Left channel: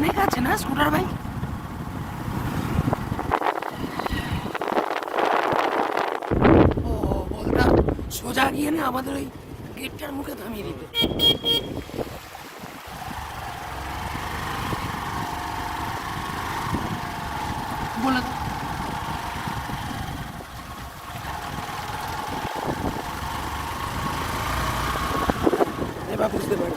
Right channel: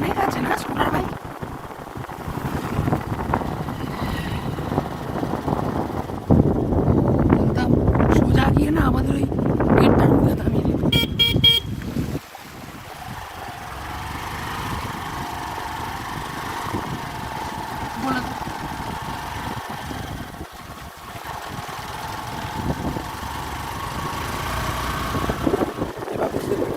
অনেক আছে না স্কুটার বাইক? বলতাম সোজা গিয়ে না আমাদের ওই গেটটার মুখে থামিয়ে দিত। বলে তো এবার বুঝতে পারি।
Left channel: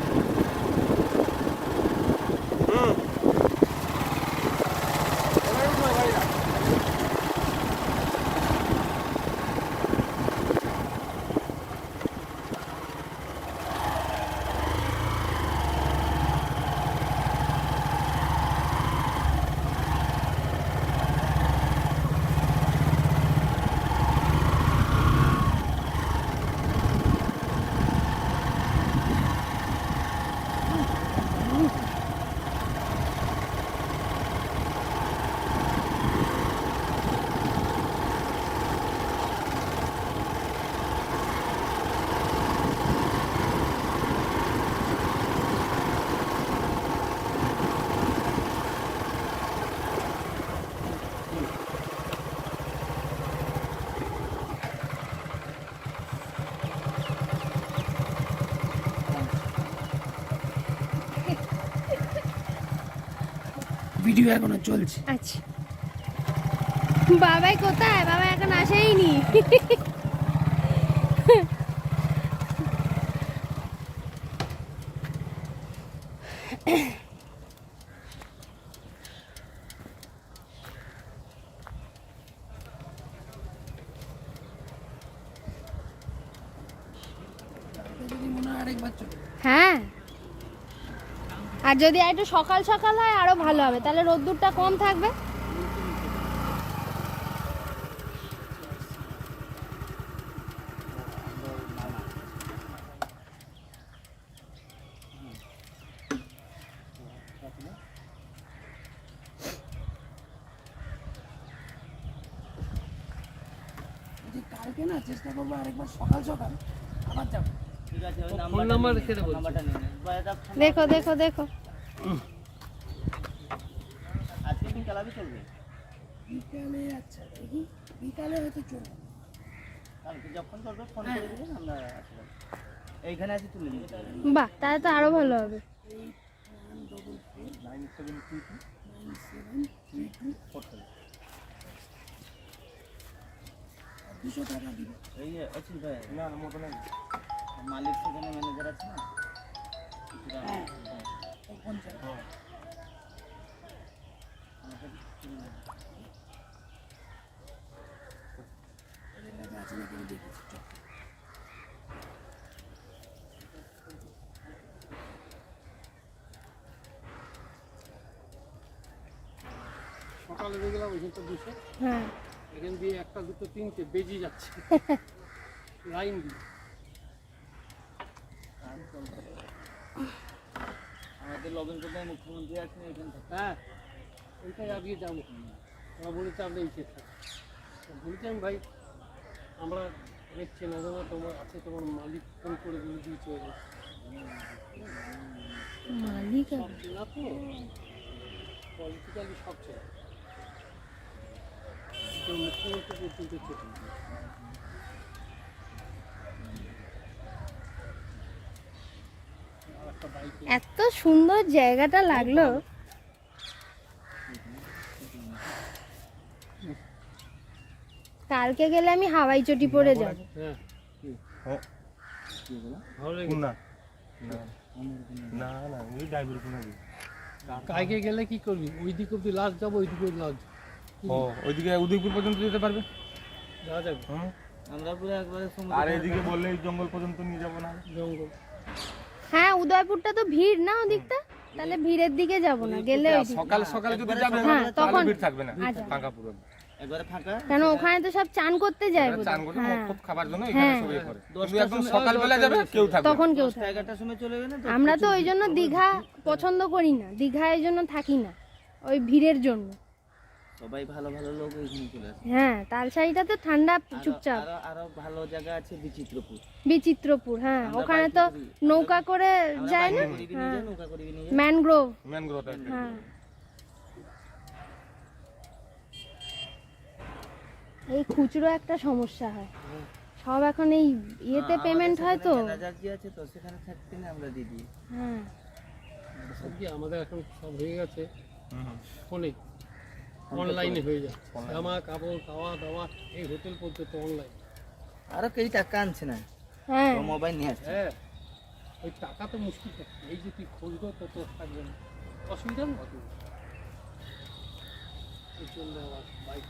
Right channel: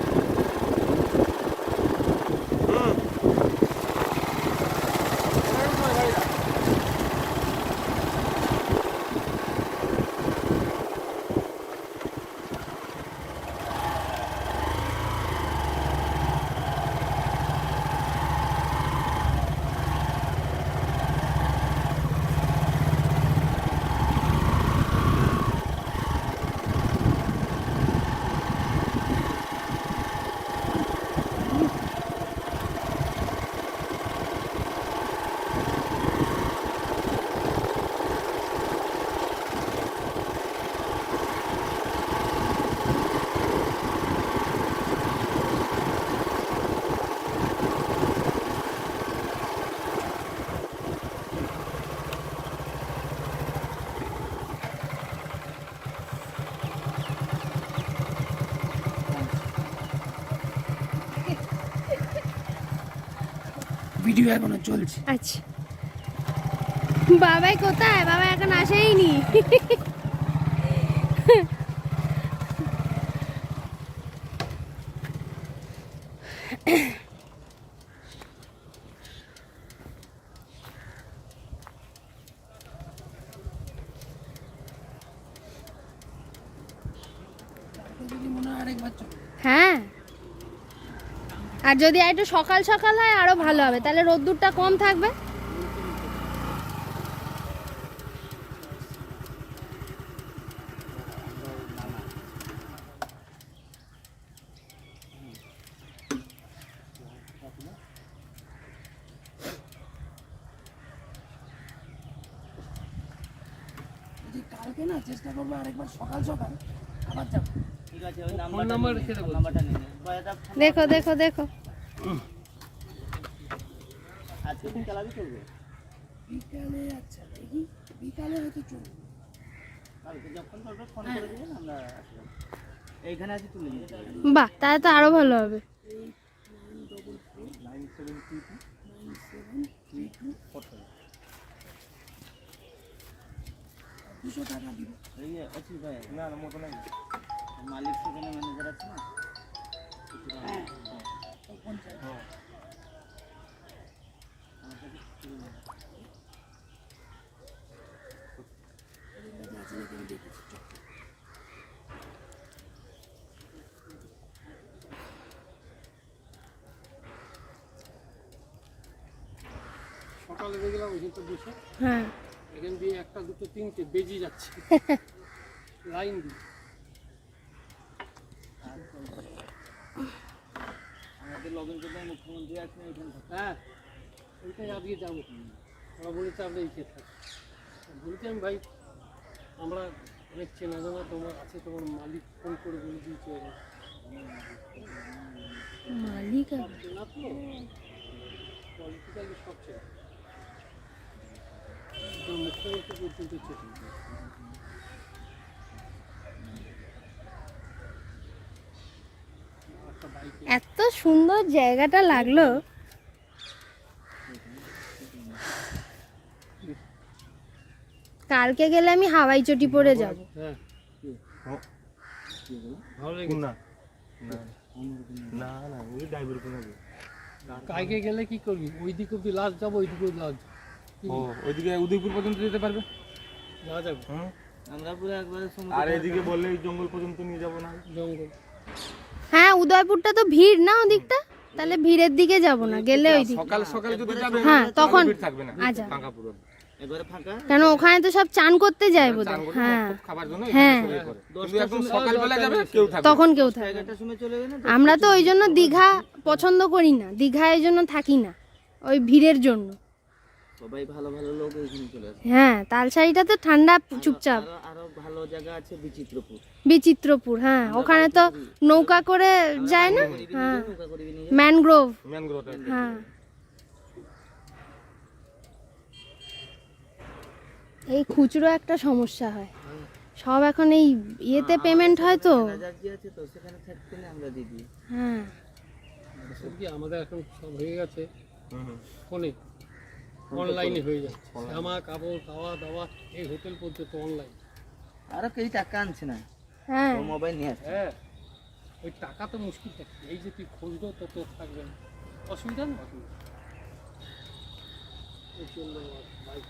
ভিডিও এখনো চলছে। আচ্ছা, বাবাই কোথায়? বাবা এখন আসেনি। মনে হয় আরেকবার চলে। হ্যাঁ, আর যদি একটু সকাল সকাল হয় আরো ভালো হবে, তাহলে রোদ্দুরটা কম থাকবে। কালকে না চেষ্টা করবো আরেকবার সকাল সকাল আবার যাবো। ঠিক আছে, ওই নাম্বারটা নিয়ে নে। দেখো দেখো দেখো, আজকে বিকালে চলবে? বিকালে আচ্ছা দেখি, বিকালে হয়তো চলবে। কালকে যখন চলবে ফোন করে দিবেন, আমরা আসবেন। এইখানে আছি, তুলে নিতে পারবেন। বাহ, তাহলে তো আরো ভালো হবে। 200 টাকা দিবে। এই আছে ভাই? না না, মতো নাই। মালিক সেখানে ম্যানেজার আছে না? হ্যাঁ, 50। হ্যাঁ, আছে নাকি আমি দেখি। সকালে দেখলাম ওইখানটা 200। হ্যাঁ, এখান দিয়ে 1টা 2টো 3টে বেজে যাচ্ছে লাইন দিয়ে। আমাদের লগন কোথায় মুখ্যমন্ত্রী আছেন এখান থেকে। হ্যাঁ, ওইটাই আজকে যাবো। ওরা বলেছে আপনি ইচ্ছে থাকে। বলছি আমি ভাই, আমরা দেখছি না যেন তোমার আছে, তোমার মালিক ফোন করে বলে দিয়েছে। মালিক না তো পলিটিক্যালি সব চলে, মুখ্যমন্ত্রী পর্যন্ত চেপে। এত সুন্দর জায়গাটা লাগলো। কালকে গেলে আমি হাওয়াই চটি পরে যাব। কালকে গেলে কি করবি? ওইদিক অব্দি লাস্ট যাবো, ওইদিকে লাস্ট। ওইদিকে উদয়পুর পর্যন্ত যেতে পারবে? যাওয়া যাবে। আমরা পুরো একবারে সমুদ্র। আর এদিকে বললে জঙ্গল পর্যন্ত নিয়ে যাবো না? জঙ্গল। হ্যাঁ, উদয়পুরটা তো ভিড় না ওদিকটা, তাহলে ভিড়ের দিকে যাব না, গেলে ওই দিকে। সকাল সকাল যদি যাবে, হ্যাঁ, তখন ভিড় থাকবে না। আচ্ছা, ফাঁকা পুরো একবারে ফাঁকা। কেন ওখানে তো সব চান করতে যায় বোধহয়। হ্যাঁ, খুব খাবার জন্য হ্যাঁ, এখানে সবাই করে। কিন্তু একদম সকালবেলা যাবে, কেউ থাকবে না। তখন কেউ থাকবে। 11টার সময় চলে যাবে না। আমরা তো ওই জন্য দীঘা পছন্দ করি না, দীঘা এই জন্য থাকি না, ওই ভিড়ের জন্য। সবাই ভালো ভালো লোক এখানে চলে আসে। হ্যাঁ, তালসাড়িটা তো ঠান্ডা, চুপচাপ। আরো ভালো জায়গা আছে বিচিত্রপুর। বিচিত্রপুর, হ্যাঁ, ওখানে তো নৌকা করে যায় না। হ্যাঁ, ম্যানগ্রোভ। ম্যানগ্রোভ। হ্যাঁ। এই খুচরো একটা সমস্যা হয়, সব এখন এই ইয়েতে পেমেন্ট হয় তো। এনার্জি আছে তো, সেখানে থাকতে না আমরা দিয়ে দিই। হ্যাঁ, সব কি আমাদের এখন সব হয়ে গেছে ফোনে, অনলাইনে হয়ে যাচ্ছে। জামা কাপড় খাওয়া দাওয়া এই হোটেল পর্যন্ত অনলাইন। আরো কেউ টাকা আনছে না, হ্যাঁ, মোবাইল নিয়ে আসছে। হ্যাঁ, ওই টাকা তো মুশকিল থাকে, এই যে তুই খুঁজবো তো তোর থাকবে না, অসুবিধা নেই। এই জন্য বাইক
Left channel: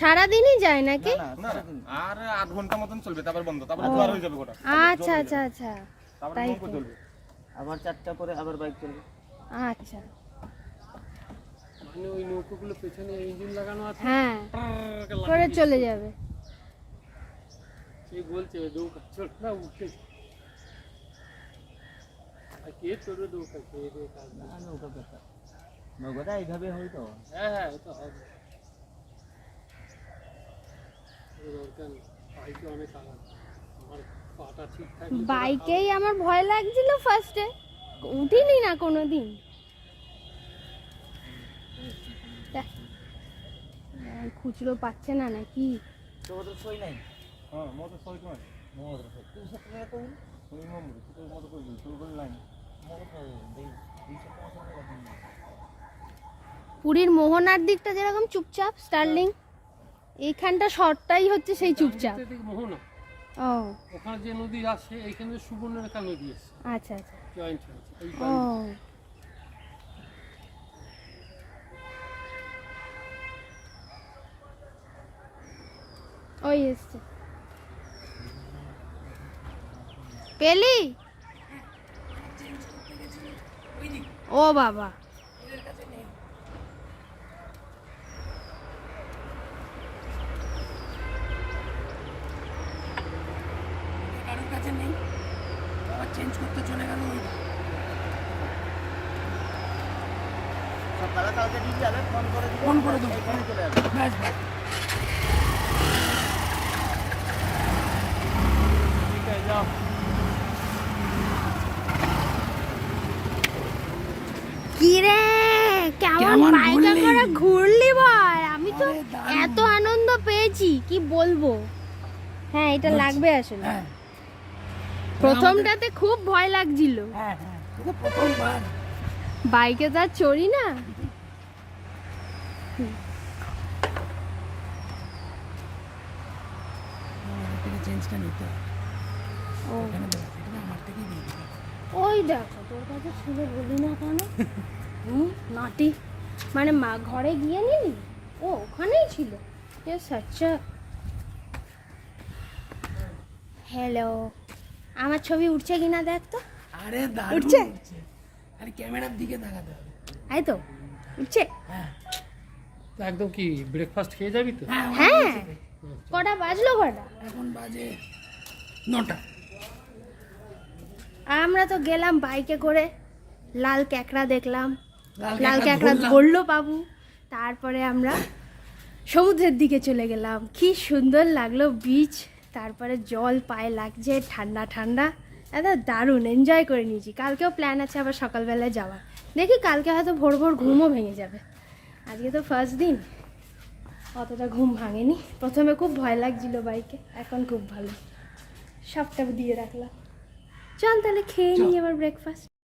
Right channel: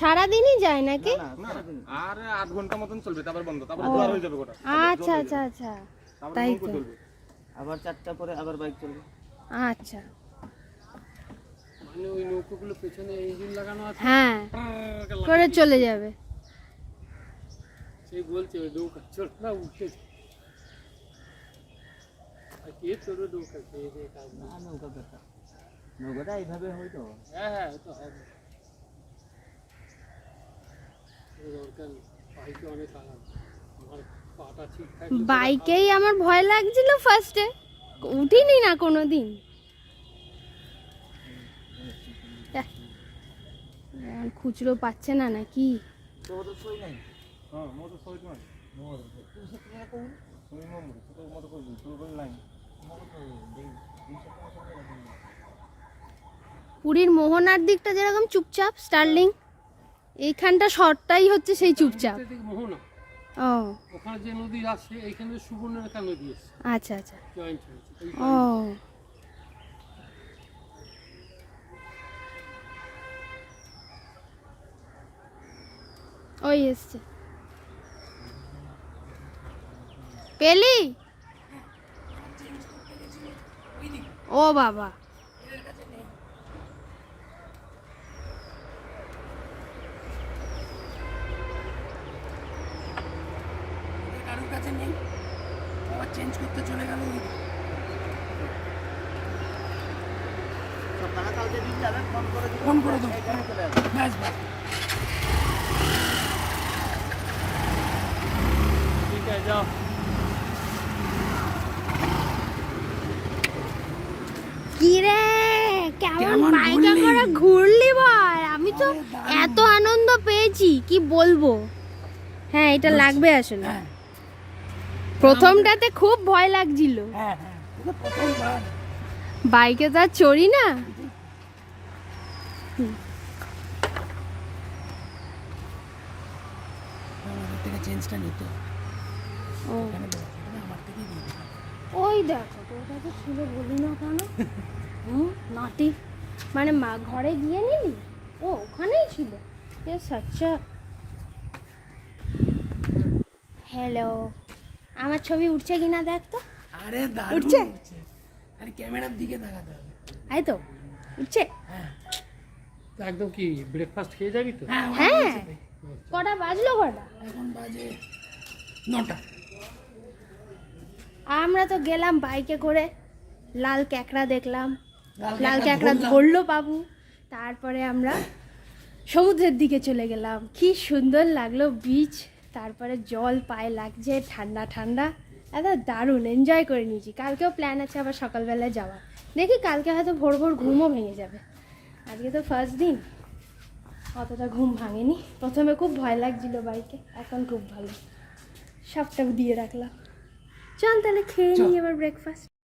সারাদিনই যায় নাকি? না, না সারাদিন। আর 8 ঘন্টা মতন চলবে, তারপর বন্ধ, তারপর ও। জোয়ার হয়ে যাবে গোটা। আচ্ছা আচ্ছা আচ্ছা, তারপর তাই নৌকো তো। চলবে। আবার 4টা পরে আবার বাইক চলবে। আচ্ছা, মানে ওই নৌকোগুলো পেছনে ইঞ্জিন লাগানো আছে, হ্যাঁ, টাক করে চলে যাবে। সেই বলছে ওই নৌকা চল না, উঠে আর কে চলবে নৌকা, খেয়ে দিয়ে কাজ নেই। না, নৌকা বেকার। নৌকাটা এইভাবে হয় তো। হ্যাঁ হ্যাঁ, এটা হবে, কোনো দরকার নেই। বাইকে অনেক আরাম, আমার পাটা ঠিক থাকলে তো বাইকেই আমার ভয় লাগছিল ফার্স্টে, উঠিনি না কোনোদিন। খুচরো পাচ্ছে না নাকি? তো ওদের সই নাই। হ্যাঁ, মতো সই নয়। মোটর 200 টাকা করুন। সই নম্বর, তোর মতো করবি, তোর করে লাইন। মোটর 250 টাকা দিন। পুরীর মোহনার দিকটা যেরকম চুপচাপ স্টার্লিং, এইখানটা শর্টটাই হচ্ছে সেই চুপচাপ। নিচের দিকে মোহনা, ও ওখানে যে নদী আসছে এইখানে সুবর্ণরেখা নদী এসছে, আচ্ছা আচ্ছা, জয়েন্ট হয়েছে ওই ও ওই এসছে। পেলি? ও বাবা, কারোর কাছে নেই, আবার চেঞ্জ করতে চলে গেল। সকালে কালকে দিয়ে যাবে, ফোন করে দিবে, ফোন করে দেবো, ফোন চলে আসবে। ব্যাস ব্যাস। ঠিক আছে, যাও। কি রে, কেমন বাইকে করে ঘুরলি ভাই? আমি তো এত আনন্দ পেয়েছি কি বলবো। হ্যাঁ, এটা লাগবে আসলে। প্রথমটাতে খুব ভয় লাগছিল, হ্যাঁ হ্যাঁ, এটা প্রথমবার। বাইকে তো আর চড়ি না। আমার থেকে চেঞ্জটা নিতে হবে। ও, আমার থেকেই দিয়ে দিবে। ওই দেখো, তোর কাছে ছিল বলি না কেন? নাটি, মানে মা ঘরে গিয়ে নিলি? ও ওখানেই ছিল। আচ্ছা, হ্যালো, আমার ছবি উঠছে কিনা দেখ তো। আরে দারুণ উঠছে? উঠছে। আরে ক্যামেরার দিকে তাকাতে হবে। এই তো উঠছে। হ্যাঁ তো একদম কি ব্রেকফাস্ট খেয়ে যাবি তো? হ্যাঁ, কটা বাজলো কটা? এখন বাজে 9টা। আমরা তো গেলাম বাইকে করে, লাল ক্যাকড়া দেখলাম, লাল ক্যাকড়া ধরলো বাবু। তারপরে আমরা সমুদ্রের দিকে চলে গেলাম, কি সুন্দর লাগলো বিচ, তারপরে জল পায়ে লাগছে, ঠান্ডা ঠান্ডা, এত দারুণ এনজয় করে নিয়েছি। কালকেও প্ল্যান আছে আবার সকালবেলায় যাওয়া, দেখি কালকে হয়তো ভোর ভোর ঘুমও ভেঙে যাবে। আজকে তো ফার্স্ট দিন, অতটা ঘুম ভাঙেনি। প্রথমে খুব ভয় লাগছিল বাইকে, এখন খুব ভালো, সবটা দিয়ে রাখলাম। চল তাহলে খেয়ে নিই এবার ব্রেকফাস্ট।